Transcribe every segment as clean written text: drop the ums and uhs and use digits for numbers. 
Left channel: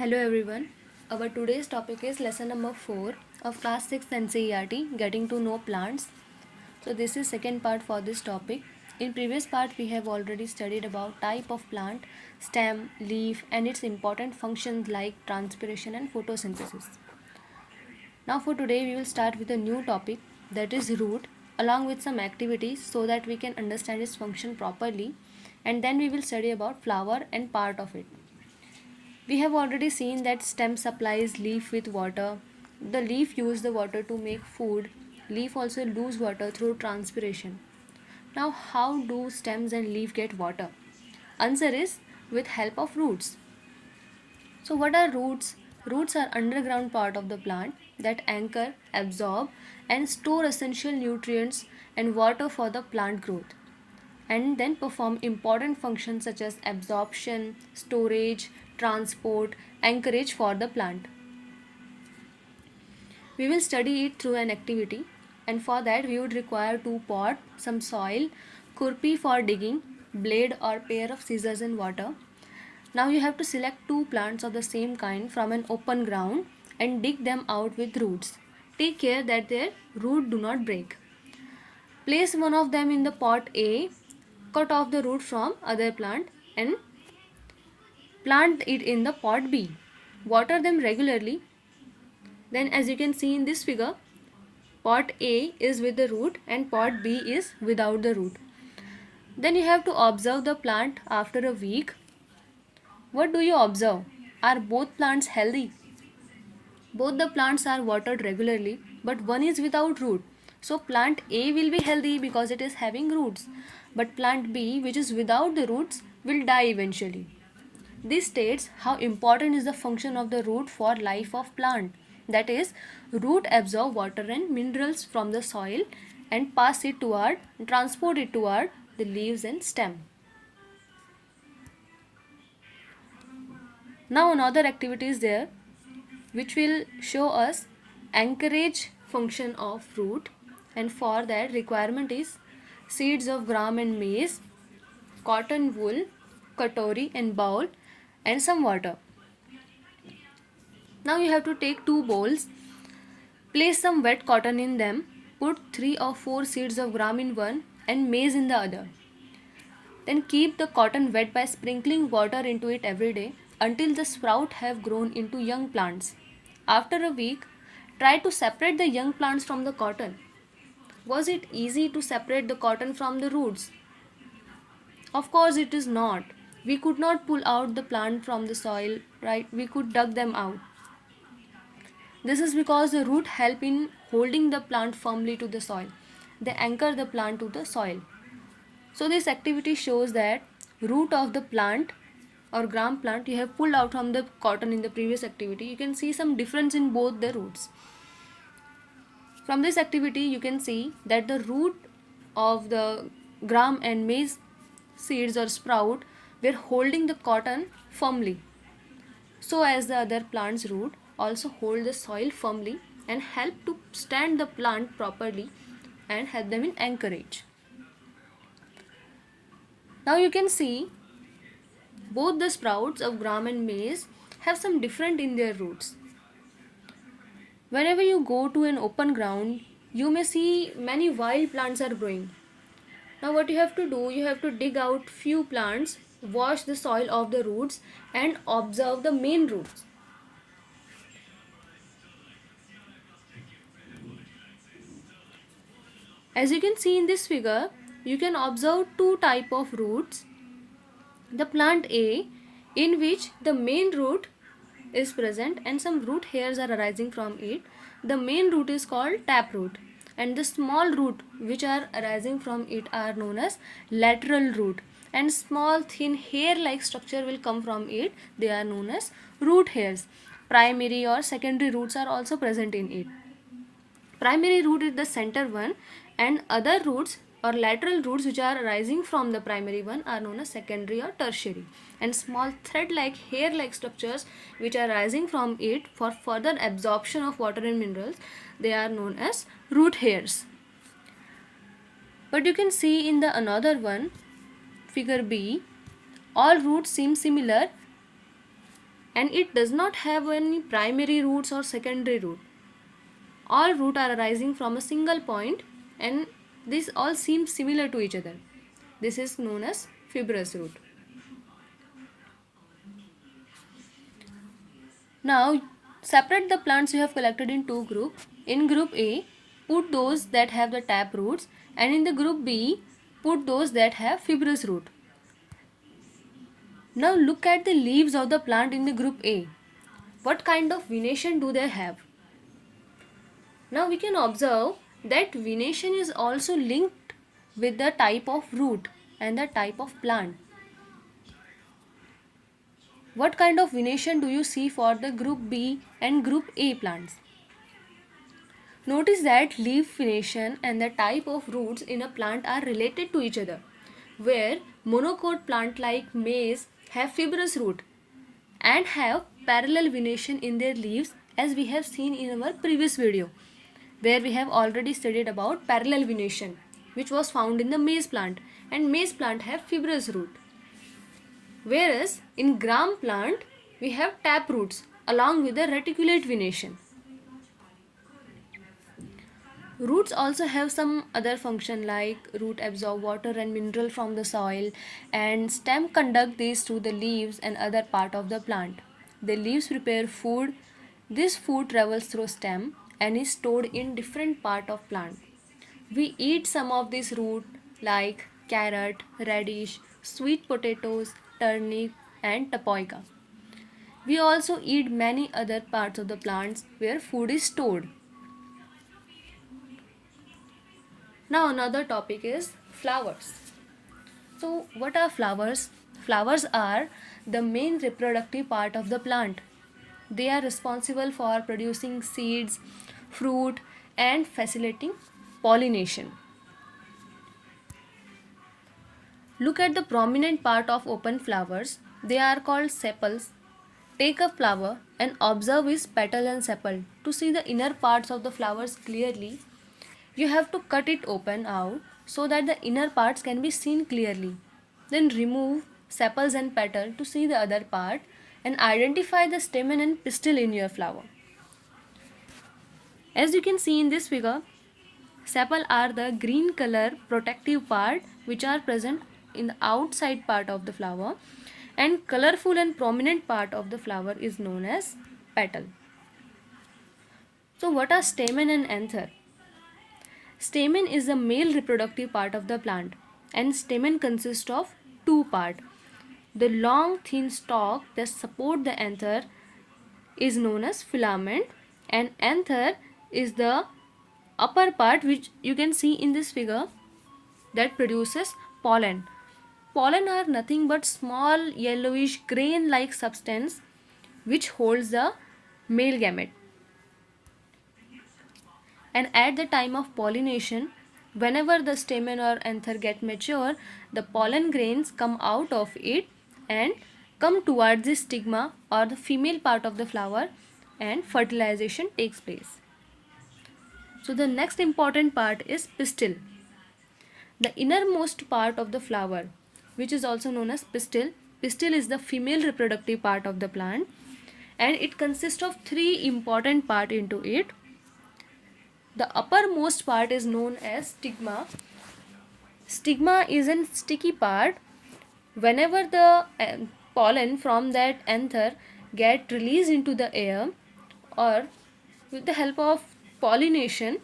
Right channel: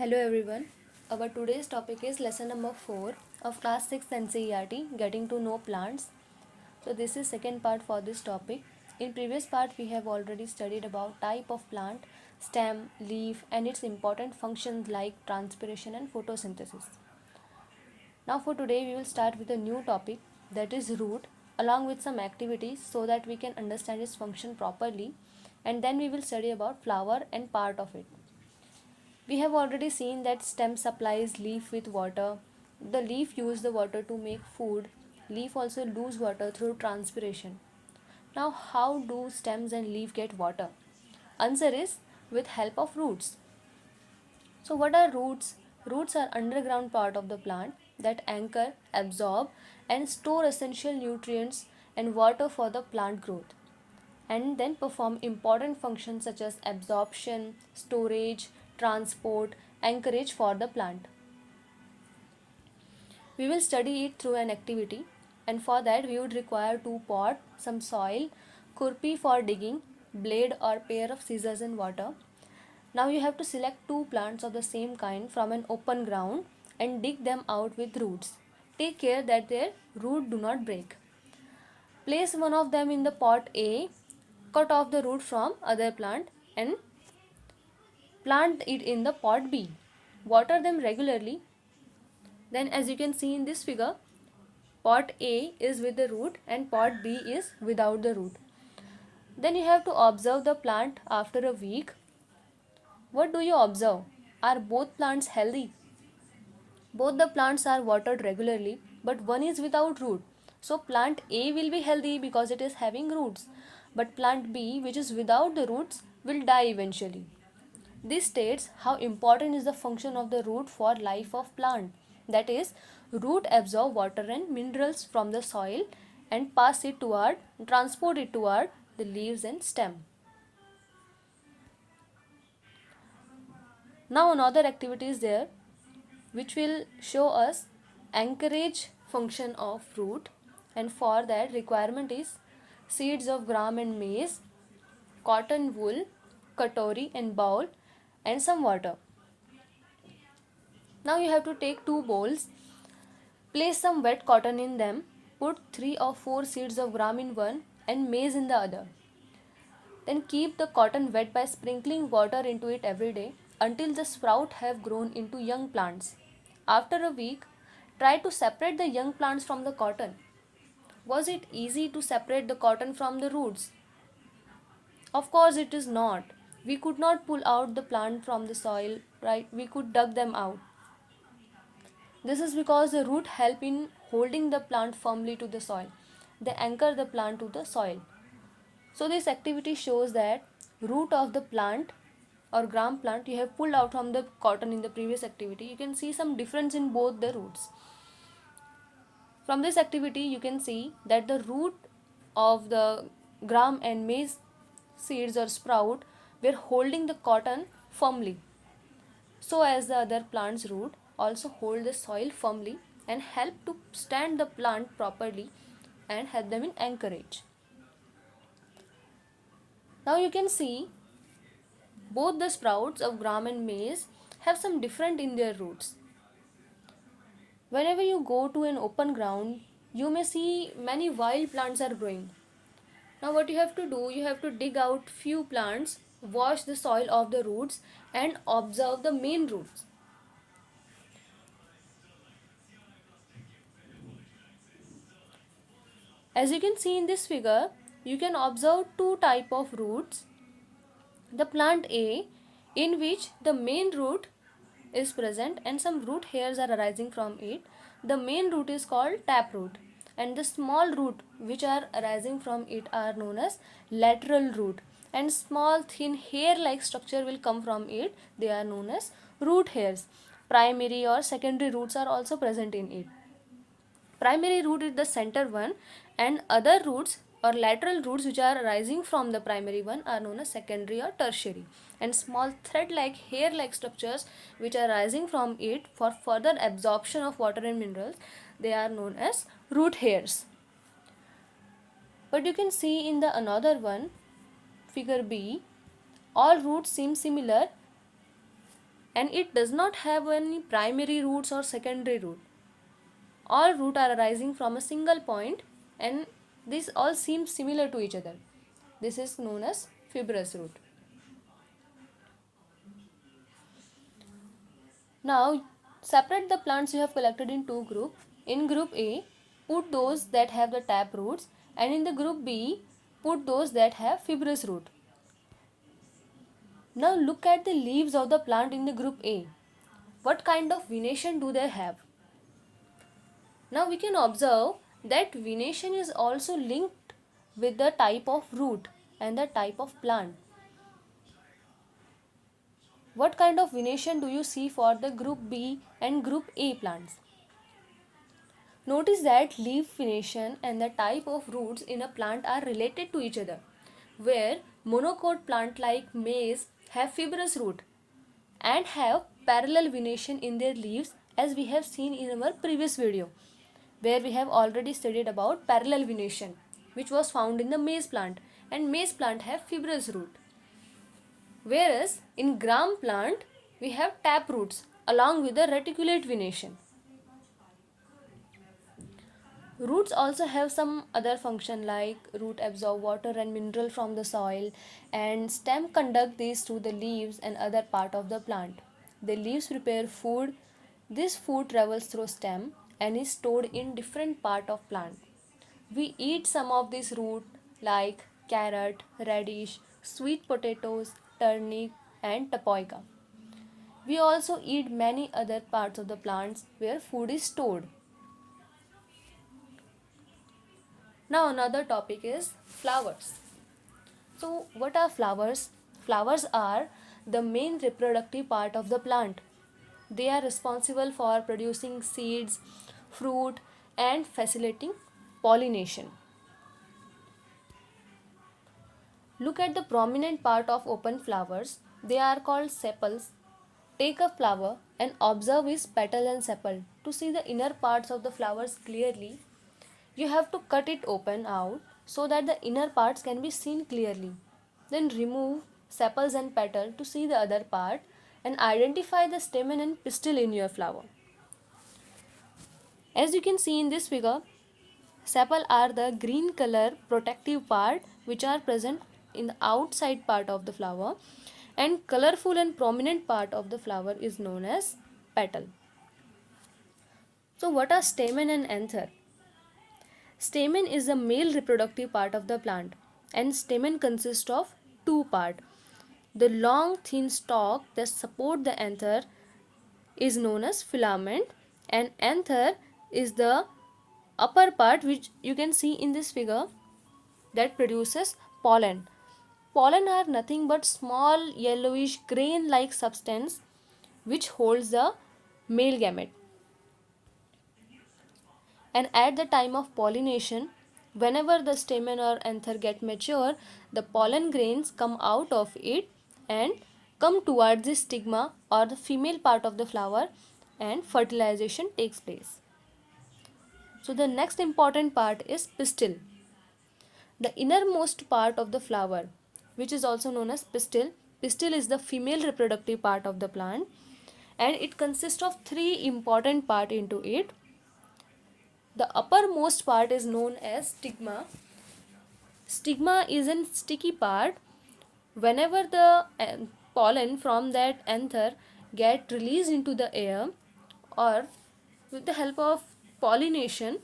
Hello everyone. Our today's topic is lesson number 4 of class 6 NCERT, Getting to Know Plants. So this is second part for this topic. In previous part we have already studied about type of plant, stem, leaf and its important functions like transpiration and photosynthesis. Now for today we will start with a new topic, that is root, along with some activities so that we can understand its function properly, and then we will study about flower and part of it. We have already seen that stem supplies leaf with water. The leaf use the water to make food. Leaf also lose water through transpiration. Now how do stems and leaf get water? Answer is with help of roots. So what are roots? Roots are underground part of the plant that anchor, absorb and store essential nutrients and water for the plant growth, and then perform important functions such as absorption, storage, transport, anchorage for the plant. We will study it through an activity, and for that we would require two pot, some soil, kurpi for digging, blade or pair of scissors in water. Now you have to select two plants of the same kind from an open ground and dig them out with roots. Take care that their root do not break. Place one of them in the pot A, cut off the root from other plant and plant it in the pot B. Water them regularly. Then as you can see in this figure, pot A is with the root and pot B is without the root. Then you have to observe the plant after a week. What do you observe? Are both plants healthy? Both the plants are watered regularly, but one is without root. So plant A will be healthy because it is having roots, but plant B, which is without the roots, will die eventually. This states how important is the function of the root for life of plant. That is, root absorb water and minerals from the soil and transport it toward the leaves and stem. Now another activity is there which will show us anchorage function of root, and for that requirement is seeds of gram and maize, cotton wool, katori and bowl and some water. Now you have to take two bowls, place some wet cotton in them, put 3 or 4 seeds of gram in one and maize in the other. Then keep the cotton wet by sprinkling water into it every day until the sprout have grown into young plants. After a week, try to separate the young plants from the cotton. Was it easy to separate the cotton from the roots? Of course it is not. We could not pull out the plant from the soil, right? We could dug them out. This is because the root help in holding the plant firmly to the soil. They anchor the plant to the soil. So this activity shows that root of the plant or gram plant you have pulled out from the cotton in the previous activity. You can see some difference in both the roots. From this activity you can see that the root of the gram and maize seeds or sprout were holding the cotton firmly, so as the other plant's root also hold the soil firmly and help to stand the plant properly and help them in anchorage. Now you can see both the sprouts of gram and maize have some different in their roots. Whenever you go to an open ground, you may see many wild plants are growing. Now what you have to do, you have to dig out few plants, wash the soil of the roots and observe the main roots. As you can see in this figure, you can observe two type of roots. The plant A, in which the main root is present and some root hairs are arising from it. The main root is called taproot and the small root which are arising from it are known as lateral root, and small thin hair like structure will come from it. They are known as root hairs. Primary or secondary roots are also present in it. Primary root is the center one and other roots or lateral roots which are arising from the primary one are known as secondary or tertiary, and small thread like hair like structures which are rising from it for further absorption of water and minerals, they are known as root hairs. But you can see in the another one, figure B, all roots seem similar and it does not have any primary roots or secondary root. All roots are arising from a single point, and this all seems similar to each other. This is known as fibrous root. Now separate the plants you have collected in two groups. In group A, put those that have the tap roots, and in the group B, put those that have fibrous root. Now look at the leaves of the plant in the group A. What kind of venation do they have? Now we can observe that venation is also linked with the type of root and the type of plant. What kind of venation do you see for the group B and group A plants? Notice that leaf venation and the type of roots in a plant are related to each other, where monocot plant like maize have fibrous root and have parallel venation in their leaves, as we have seen in our previous video, where we have already studied about parallel venation, which was found in the maize plant, and maize plant have fibrous root. Whereas in gram plant we have tap roots along with the reticulate venation. Roots also have some other function, like root absorb water and mineral from the soil, and stem conduct these to the leaves and other part of the plant. The leaves prepare food. This food travels through stem and is stored in different part of plant. We eat some of this root like carrot, radish, sweet potatoes, turnip and tapioca. We also eat many other parts of the plants where food is stored. Now another topic is flowers. So what are flowers? Flowers are the main reproductive part of the plant. They are responsible for producing seeds, fruit and facilitating pollination. Look at the prominent part of open flowers. They are called sepals. Take a flower and observe its petal and sepal. To see the inner parts of the flowers clearly, you have to cut it open out so that the inner parts can be seen clearly. Then remove sepals and petal to see the other part and identify the stamen and pistil in your flower. As you can see in this figure, sepal are the green color protective part which are present in the outside part of the flower, and colorful and prominent part of the flower is known as petal. So what are stamen and anther? Stamen is the male reproductive part of the plant, and stamen consists of two parts. The long thin stalk that support the anther is known as filament, and anther is the upper part which you can see in this figure that produces pollen. Pollen are nothing but small yellowish grain like substance which holds the male gamete. And at the time of pollination, whenever the stamen or anther get mature, the pollen grains come out of it and come towards the stigma or the female part of the flower, and fertilization takes place. So the next important part is pistil. The innermost part of the flower, which is also known as pistil. Pistil is the female reproductive part of the plant, and it consists of three important parts into it. The uppermost part is known as stigma. Stigma is a sticky part. Whenever the pollen from that anther get released into the air, or with the help of pollination,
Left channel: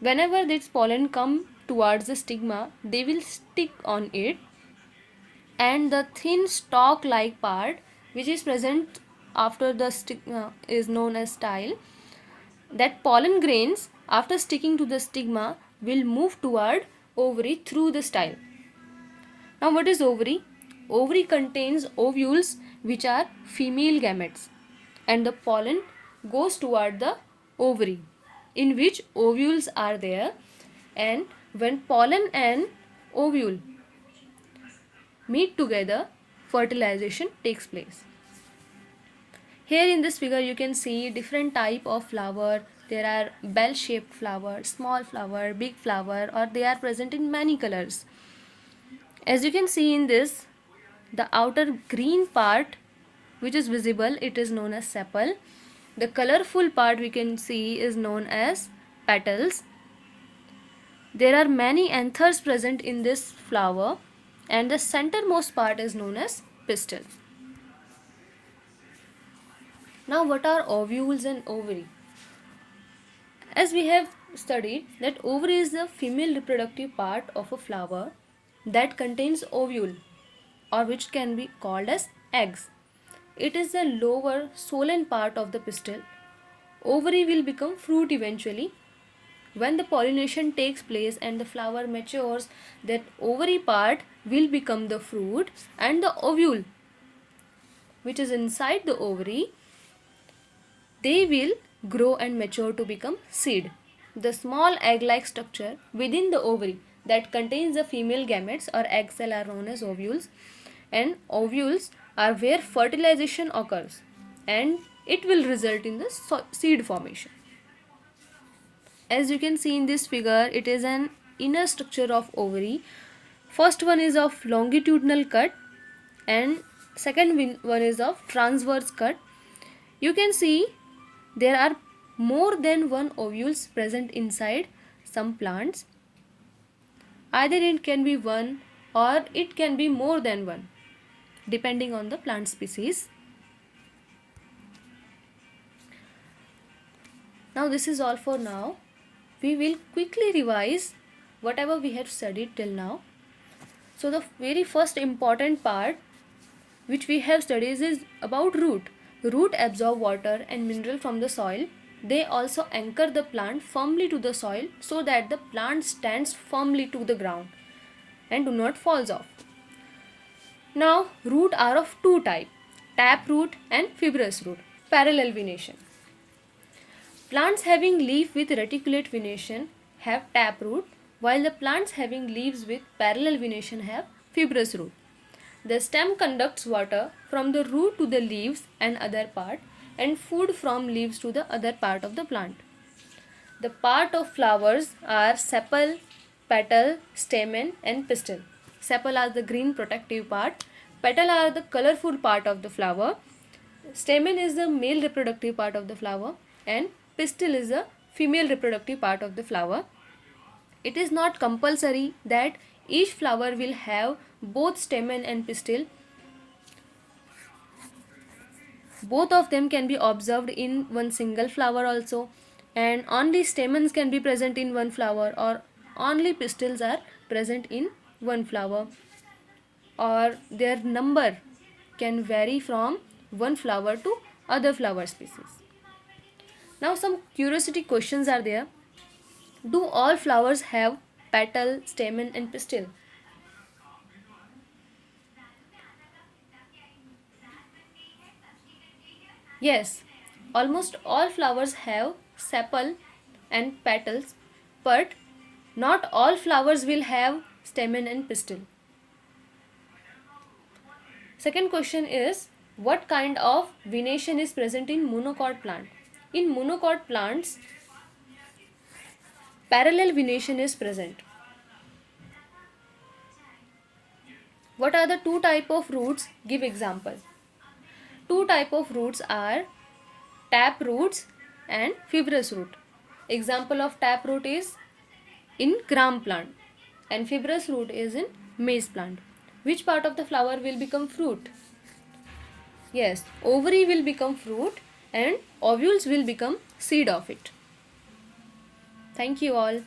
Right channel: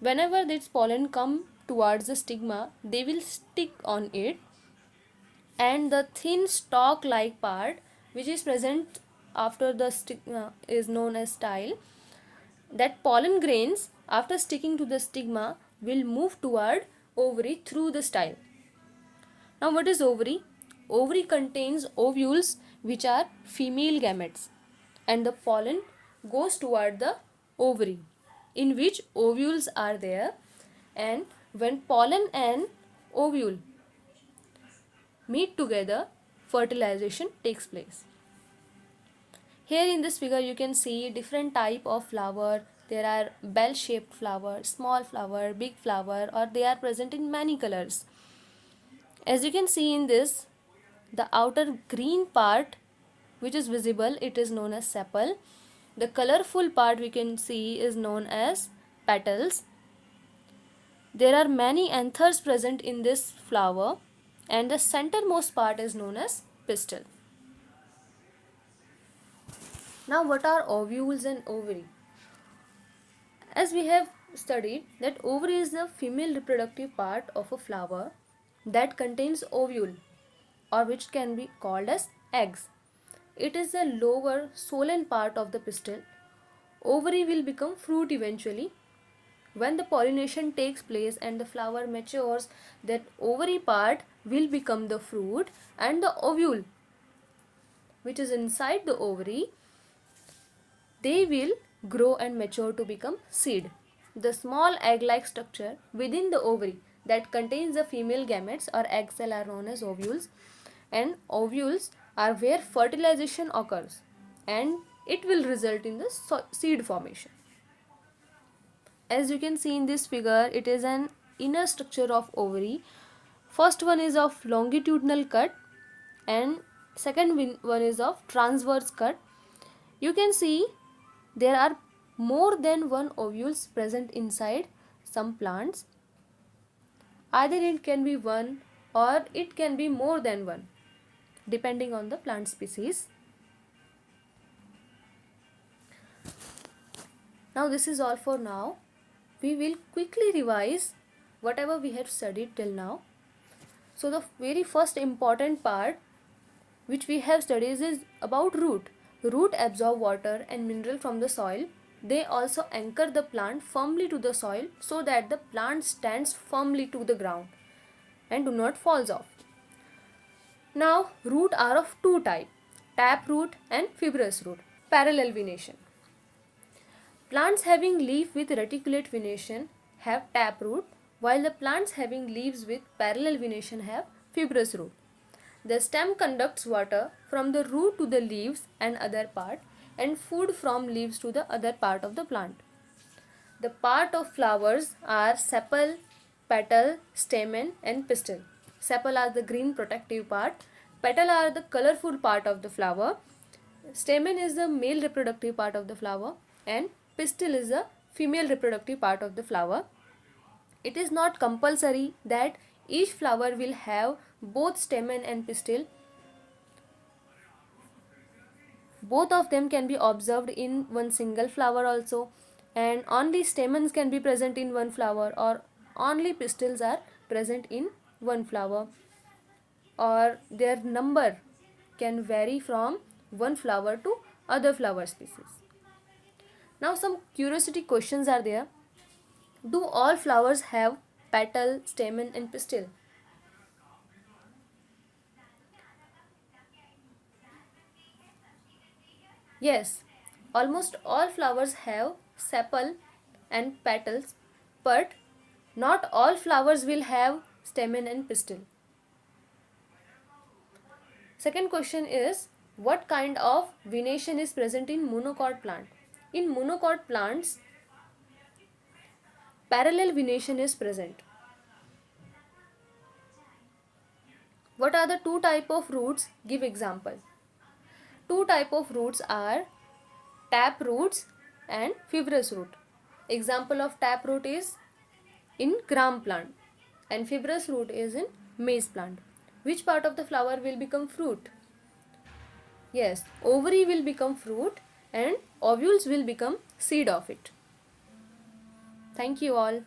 whenever this pollen come towards the stigma, they will stick on it, and the thin stalk like part which is present after the stigma is known as style. That pollen grains after sticking to the stigma will move toward ovary through the style. Now what is ovary? Ovary contains ovules which are female gametes, and the pollen goes toward the ovary in which ovules are there, and when pollen and ovule meet together, fertilization takes place. Here in this figure you can see different type of flower. There are bell shaped flower, small flower, big flower, or they are present in many colors. As you can see in this, the outer green part which is visible, it is known as sepal. The colorful part we can see is known as petals. There are many anthers present in this flower, and the centermost part is known as pistil. Now, what are ovules and ovary? As we have studied that ovary is the female reproductive part of a flower that contains ovule, or which can be called as eggs. It is the lower swollen part of the pistil. Ovary will become fruit eventually. When the pollination takes place and the flower matures, that ovary part will become the fruit, and the ovule, which is inside the ovary, they will grow and mature to become seed. The small egg-like structure within the ovary that contains the female gametes or egg cell are known as ovules, and ovules are where fertilization occurs, and it will result in the seed formation. As you can see in this figure, it is an inner structure of ovary. First one is of longitudinal cut and second one is of transverse cut. You can see there are more than one ovules present inside some plants. Either it can be one or it can be more than one, depending on the plant species. Now this is all for now. We will quickly revise whatever we have studied till now. So the very first important part which we have studied is about root. Root absorb water and mineral from the soil. They also anchor the plant firmly to the soil so that the plant stands firmly to the ground and do not falls off. Now root are of two types, tap root and fibrous root. Parallel venation. Plants having leaf with reticulate venation have tap root, while the plants having leaves with parallel venation have fibrous root. The stem conducts water from the root to the leaves and other part, and food from leaves to the other part of the plant. The part of flowers are sepal, petal, stamen and pistil. Sepal are the green protective part, petal are the colorful part of the flower, stamen is the male reproductive part of the flower, and pistil is the female reproductive part of the flower. It is not compulsory that each flower will have both stamen and pistil. Both of them can be observed in one single flower also, and only stamens can be present in one flower, or only pistils are present in one flower, or their number can vary from one flower to other flower species. Now some curiosity questions are there. Do all flowers have petal, stamen and pistil? Yes, almost all flowers have sepal and petals, but not all flowers will have stamen and pistil. Second question is, what kind of venation is present in monocot plant? In monocot plants, parallel venation is present. What are the two type of roots? Give example. Two type of roots are tap roots and fibrous root. Example of tap root is in gram plant and fibrous root is in maize plant. Which part of the flower will become fruit? Yes, ovary will become fruit and ovules will become seed of it. Thank you all.